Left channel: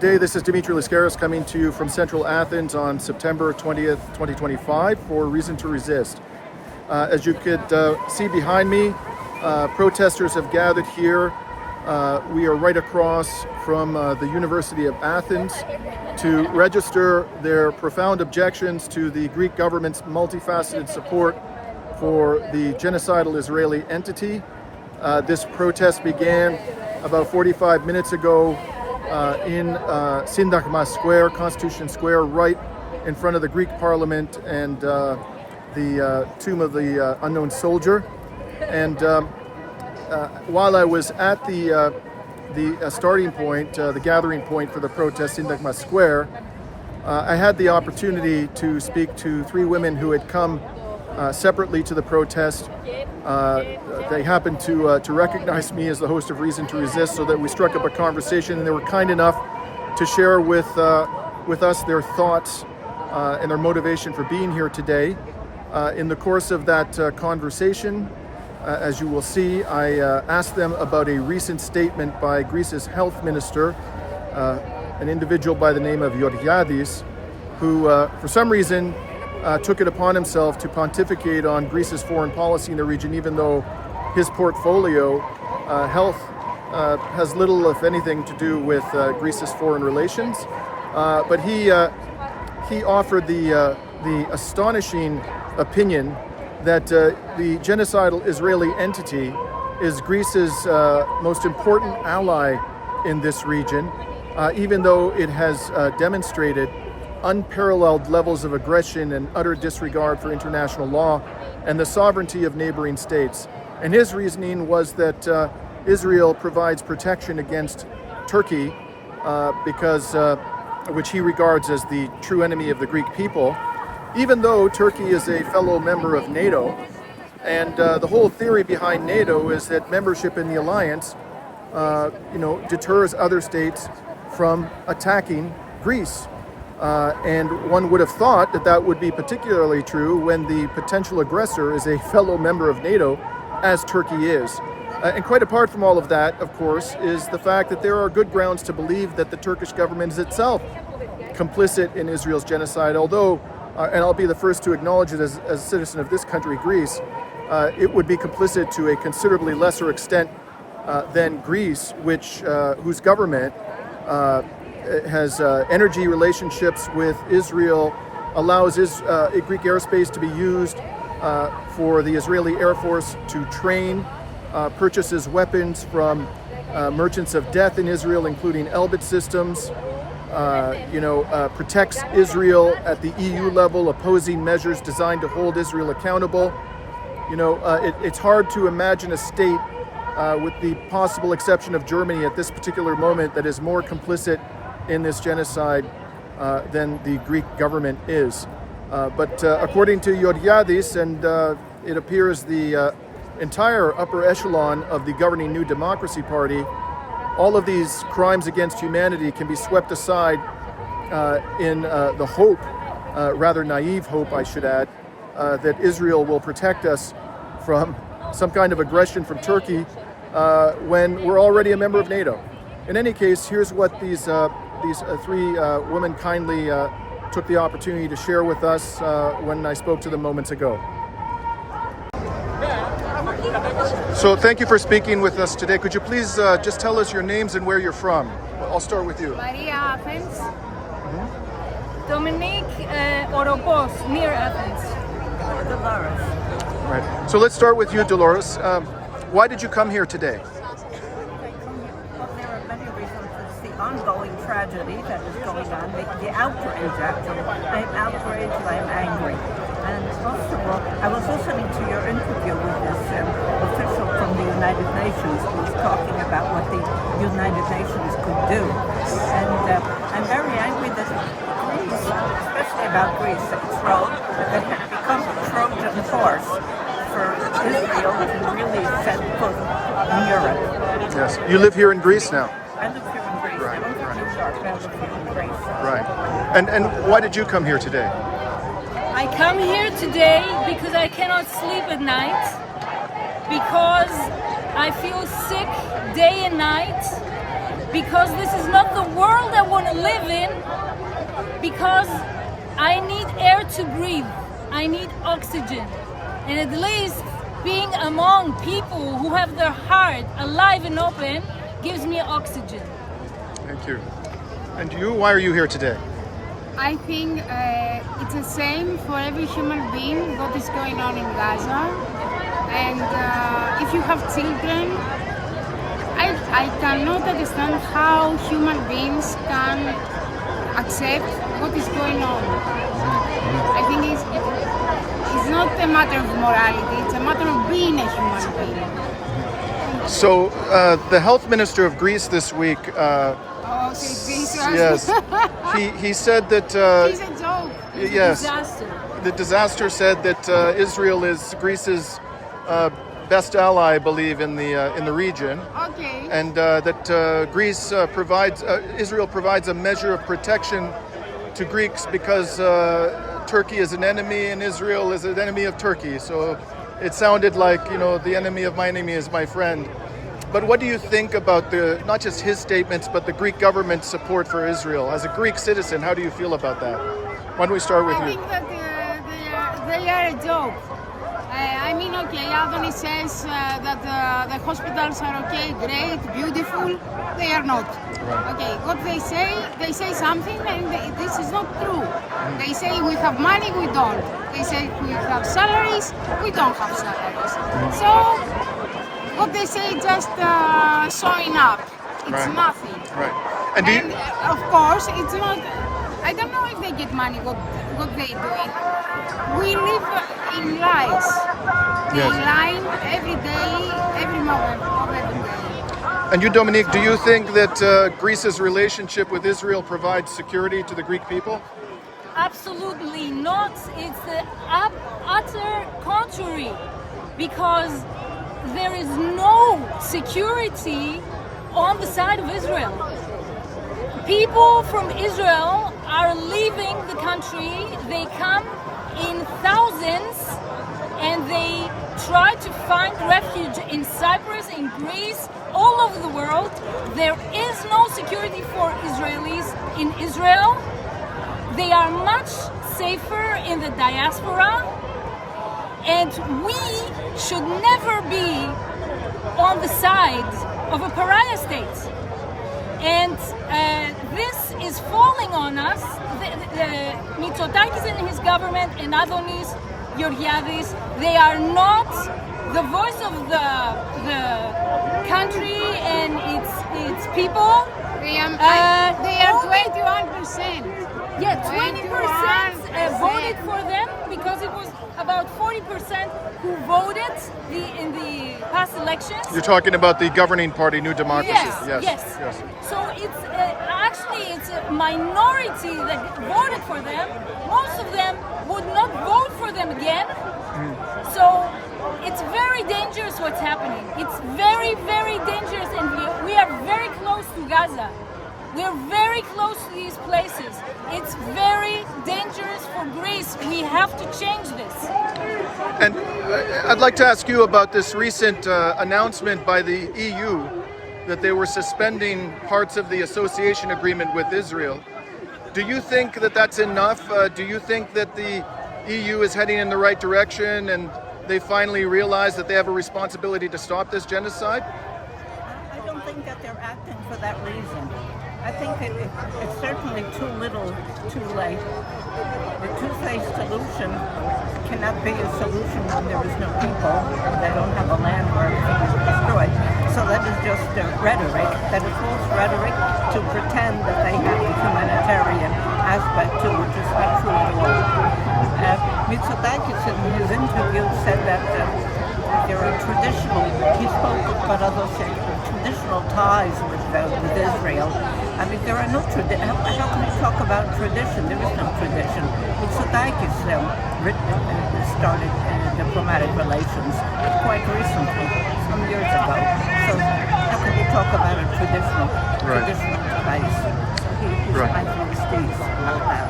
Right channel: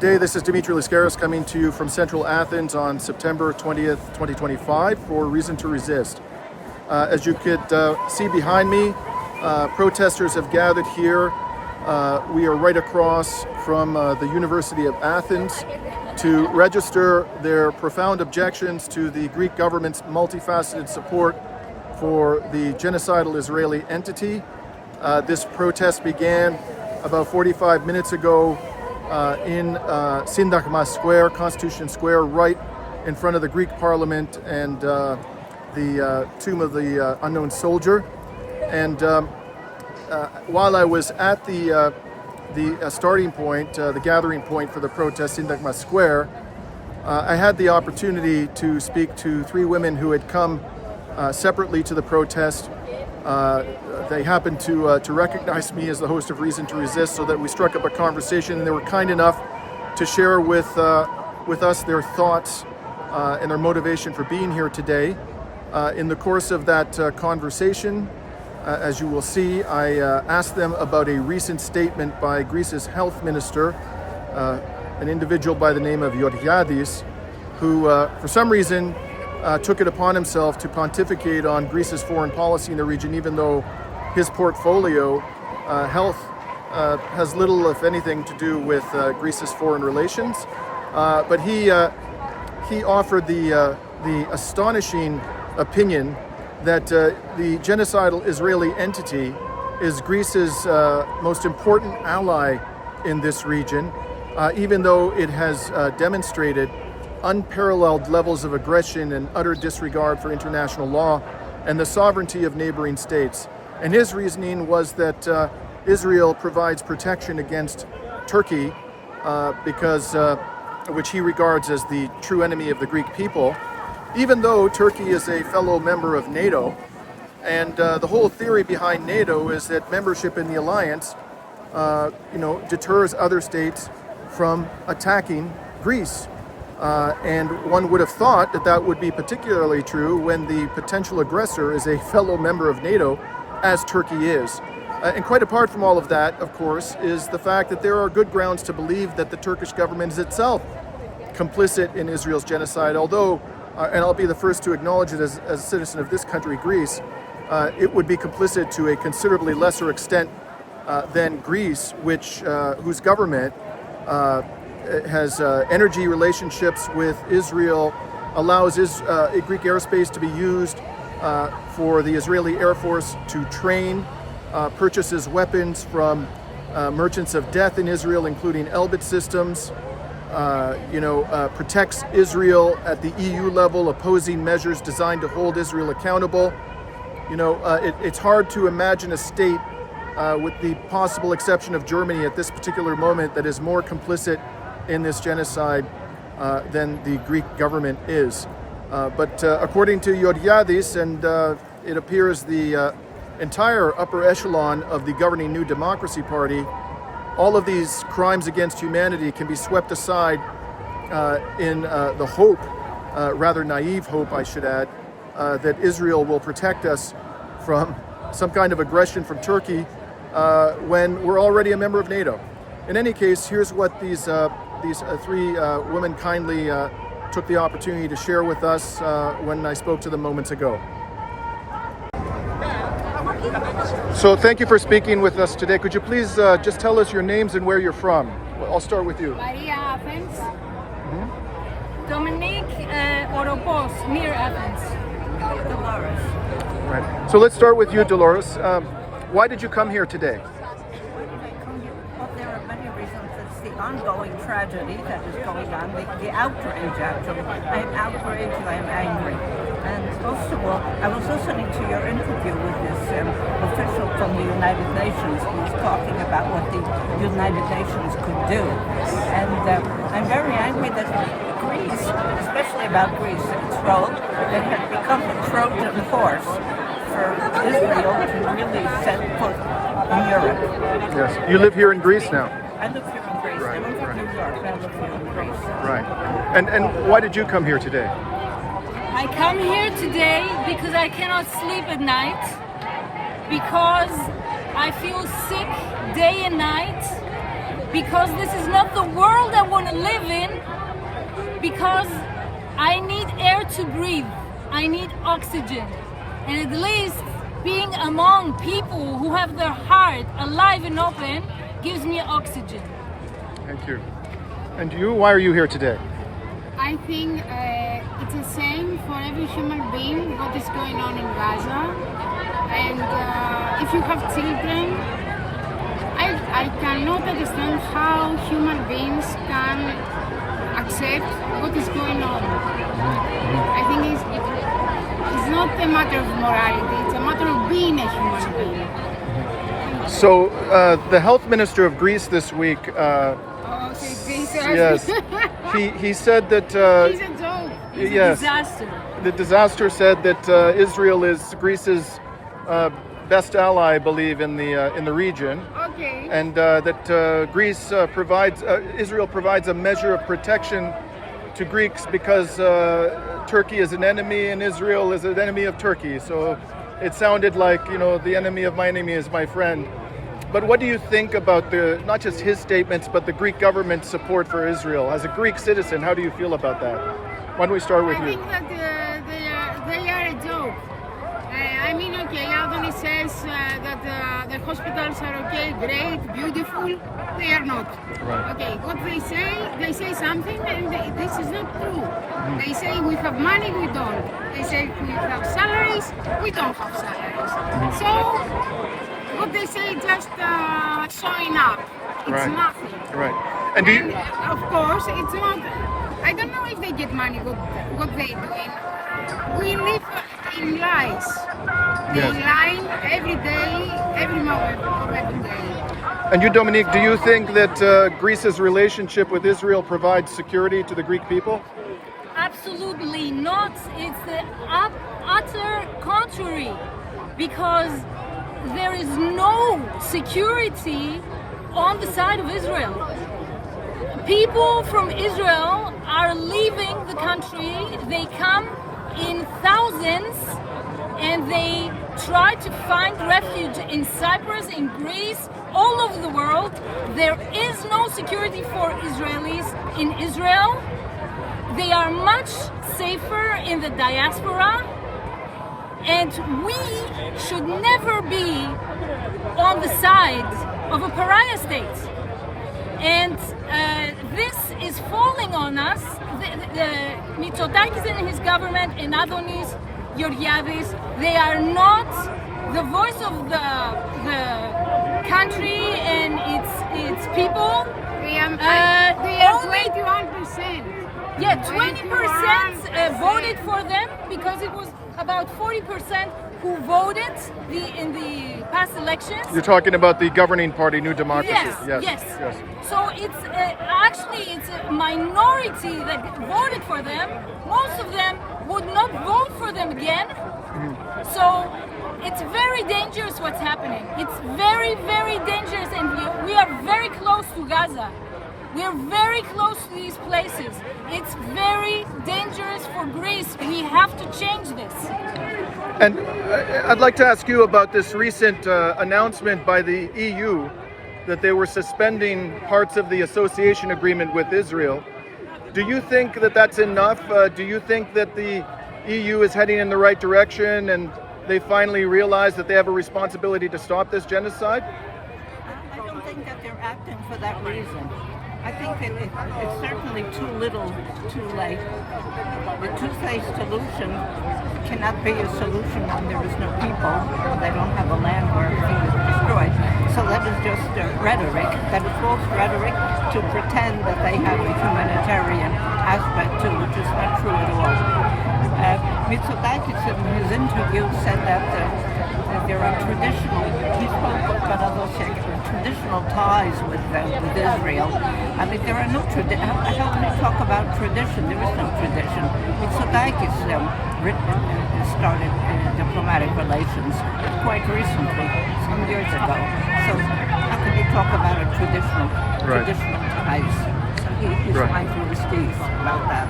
Good day, this is Dimitri Lascaris coming to you from central Athens on September 20th, 2025 for Reason to Resist. As you could see behind me, protesters have gathered here. We are right across from the University of Athens to register their profound objections to the Greek government's multifaceted support for the genocidal Israeli entity. This protest began about 45 minutes ago in Syntagma Square, Constitution Square, right in front of the Greek Parliament and the tomb of the unknown soldier. And while I was at the starting point, the gathering point for the protest, Syntagma Square, I had the opportunity to speak to three women who had come separately to the protest. They happened to recognize me as the host of Reason to Resist, so that we struck up a conversation, and they were kind enough to share with us their thoughts and their motivation for being here today. In the course of that conversation, as you will see, I asked them about a recent statement by Greece's health minister, an individual by the name of Georgiadis, who for some reason took it upon himself to pontificate on Greece's foreign policy in the region, even though his portfolio, health, has little, if anything, to do with Greece's foreign relations. But he offered the astonishing opinion that the genocidal Israeli entity is Greece's most important ally in this region, even though it has demonstrated unparalleled levels of aggression and utter disregard for international law and the sovereignty of neighboring states. And his reasoning was that Israel provides protection against Turkey, which he regards as the true enemy of the Greek people, even though Turkey is a fellow member of NATO. And the whole theory behind NATO is that membership in the alliance, deters other states from attacking Greece. And one would have thought that that would be particularly true when the potential aggressor is a fellow member of NATO, as Turkey is. And quite apart from all of that, of course, is the fact that there are good grounds to believe that the Turkish government is itself complicit in Israel's genocide, although, and I'll be the first to acknowledge it as a citizen of this country, Greece, it would be complicit to a considerably lesser extent than Greece, whose government has energy relationships with Israel, allows Greek airspace to be used for the Israeli Air Force to train, purchases weapons from merchants of death in Israel, including Elbit systems, protects Israel at the EU level, opposing measures designed to hold Israel accountable. It's hard to imagine a state, with the possible exception of Germany at this particular moment, that is more complicit in this genocide than the Greek government is. But according to Georgiadis, and it appears the entire upper echelon of the governing New Democracy Party, all of these crimes against humanity can be swept aside in the hope, rather naive hope I should add, that Israel will protect us from some kind of aggression from Turkey when we're already a member of NATO. In any case, here's what these three women kindly took the opportunity to share with us when I spoke to them moments ago. So thank you for speaking with us today. Could you please just tell us your names and where you're from? Well, I'll start with you. Maria, Athens. Mm-hmm. Dominique, Oropos, near Athens. Dolores. Right. So let's start with you, Dolores. Why did you come here today? Well, there are many reasons. It's the ongoing tragedy that is going on, the outrage, actually. I am outraged, I am angry. And most of all, I was listening to your interview with this official from the United Nations who was talking about what the United Nations could do. And I'm very angry that Greece, especially about Greece, its role, that had become a Trojan horse for Israel to really set foot in Europe. Yes, you live here in Greece now. I live here in Greece. Right, I live in New York, but I live here in Greece. Right. And why did you come here today? I come here today because I cannot sleep at night, because I feel sick day and night, because this is not the world I want to live in, because I need air to breathe, I need oxygen, and at least being among people who have their heart alive and open gives me oxygen. Thank you. And you, why are you here today? I think it's the same for every human being what is going on in Gaza. And if you have children, I cannot understand how human beings can accept what is going on. I think it's not a matter of morality, it's a matter of being a human being. So the health minister of Greece this week, yes, he said that He's a joke. yes, Disaster. the disaster said that Israel is Greece's best ally, I believe, in the region, Okay. and that Greece provides Israel provides a measure of protection to Greeks because Turkey is an enemy and Israel is an enemy of Turkey. So it sounded like, the enemy of my enemy is my friend. But what do you think about not just his statements, but the Greek government's support for Israel? As a Greek citizen, how do you feel about that? Why don't we start with I you? think that they are a joke. Okay, Athens says that the hospitals are okay, great, beautiful. They are not. Right. Okay, what they say something, and this is not true. They say we have money, we don't. They say we have salaries, we don't have salaries. So what they say just showing up. It's Right. nothing. Right. And do you? And of course, it's not. I don't know if they get money. What they doing? We live in lies. They Yes. lie every day, every moment of every day. And you, Dominique, do you think that Greece's relationship with Israel provides security to the Greek people? Absolutely not. It's the utter contrary, because there is no security on the side of Israel. People from Israel are leaving the country. They come in thousands and they try to find refuge in Cyprus, in Greece, all over the world. There is no security for Israelis in Israel. They are much safer in the diaspora, and we should never be on the side of a pariah state. And this is falling on us. The Mitsotakis and his government and Adonis Georgiadis, they are not the voice of the country and its people. They are Only 21%. Yeah, 20% voted for them, because it was about 40% who voted in the past elections. You're talking about the governing party, New Democracy. Yes. So it's it's a minority that voted for them. Most of them would not vote for them again. So it's very dangerous what's happening. It's very, very dangerous, and we are very close to Gaza. We are very close to these places. It's very dangerous for Greece. We have to change this. And I'd like to ask you about this recent announcement by the EU that they were suspending parts of the association agreement with Israel. Do you think that that's enough? Do you think that the EU is heading in the right direction and they finally realize that they have a responsibility to stop this genocide? I don't think that they're acting for that reason. I think that it's certainly too little, too late. The two-state solution cannot be a solution when there is no people, when they don't have a land where everything is destroyed. So that is just rhetoric, that is false rhetoric to pretend that they have a humanitarian aspect to which is not true at all. Mitsotakis in his interview said that there are traditional, he spoke of traditional ties with Israel. I mean, there are no tradition. How can he talk about tradition? There is no tradition. Mitsotakis started diplomatic relations quite recently, some years ago. So how can you talk about a traditional ties? So he's mindful about that.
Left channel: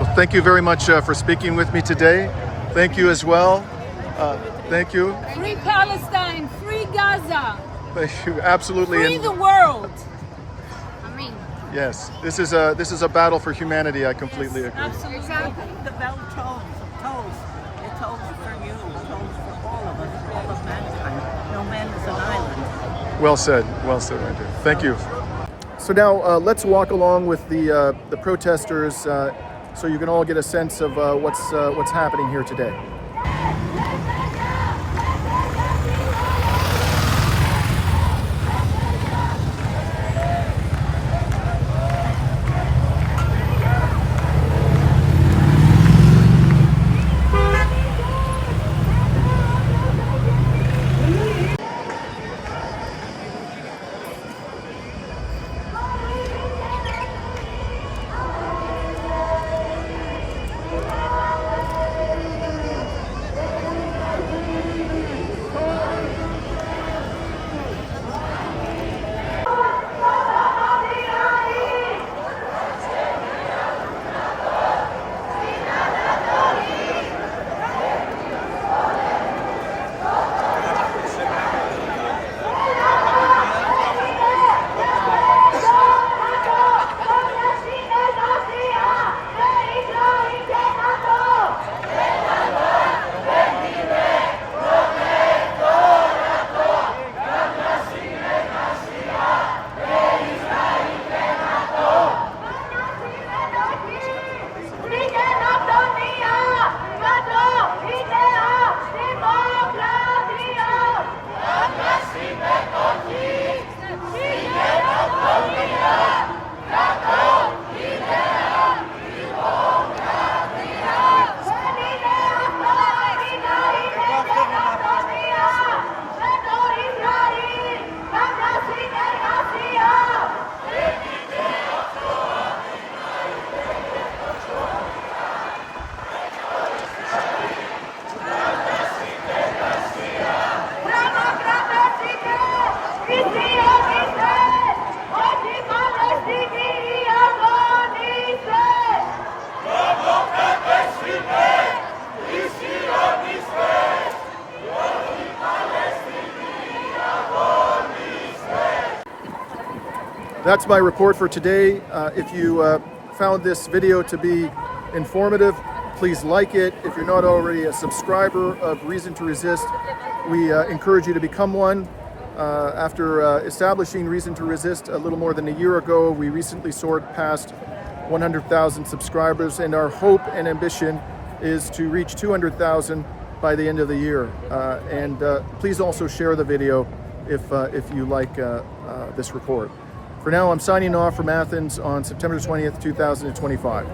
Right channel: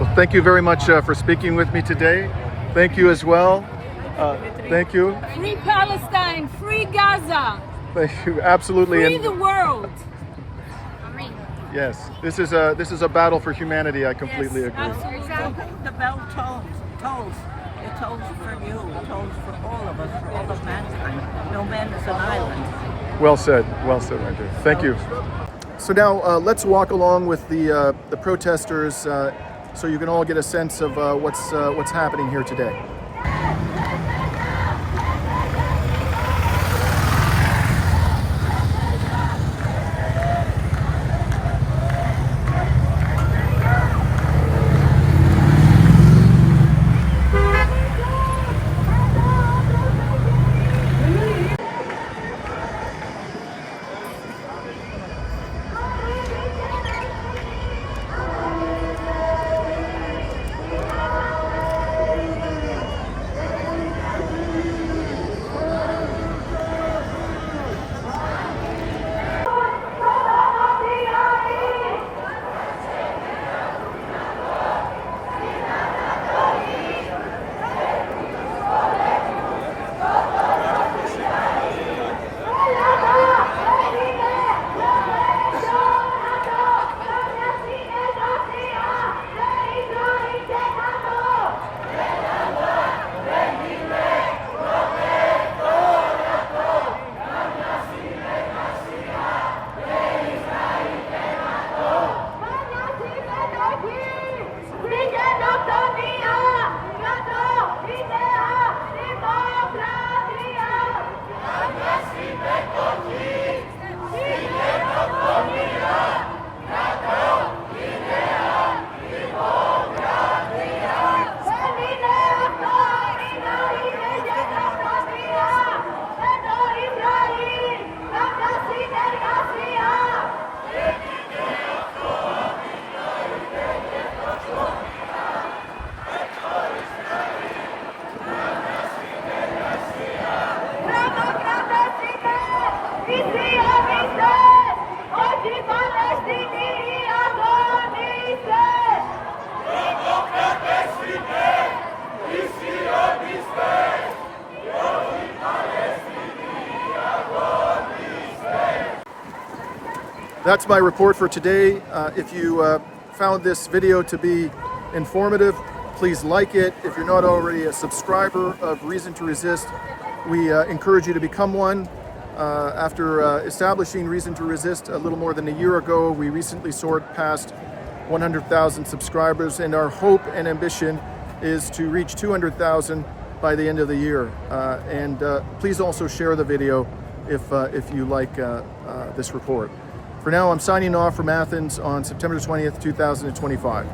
Well, thank you very much for speaking with me today. Thank you as well. Thank you. Free Palestine, free Gaza, Thank you. Absolutely. free the world. Yes, this is a battle for humanity. I completely agree. Absolutely. The bell tolls. It tolls for you. It tolls for all of us, for all of mankind. No man is an island. Well said, right there. Thank you. So now let's walk along with the protesters, so you can all get a sense of what's happening here today. That's my report for today. If you found this video to be informative, please like it. If you're not already a subscriber of Reason to Resist, we encourage you to become one. After establishing Reason to Resist a little more than a year ago, we recently soared past 100,000 subscribers, and our hope and ambition is to reach 200,000 by the end of the year. And please also share the video if you like this report. For now, I'm signing off from Athens on September 20th, 2025.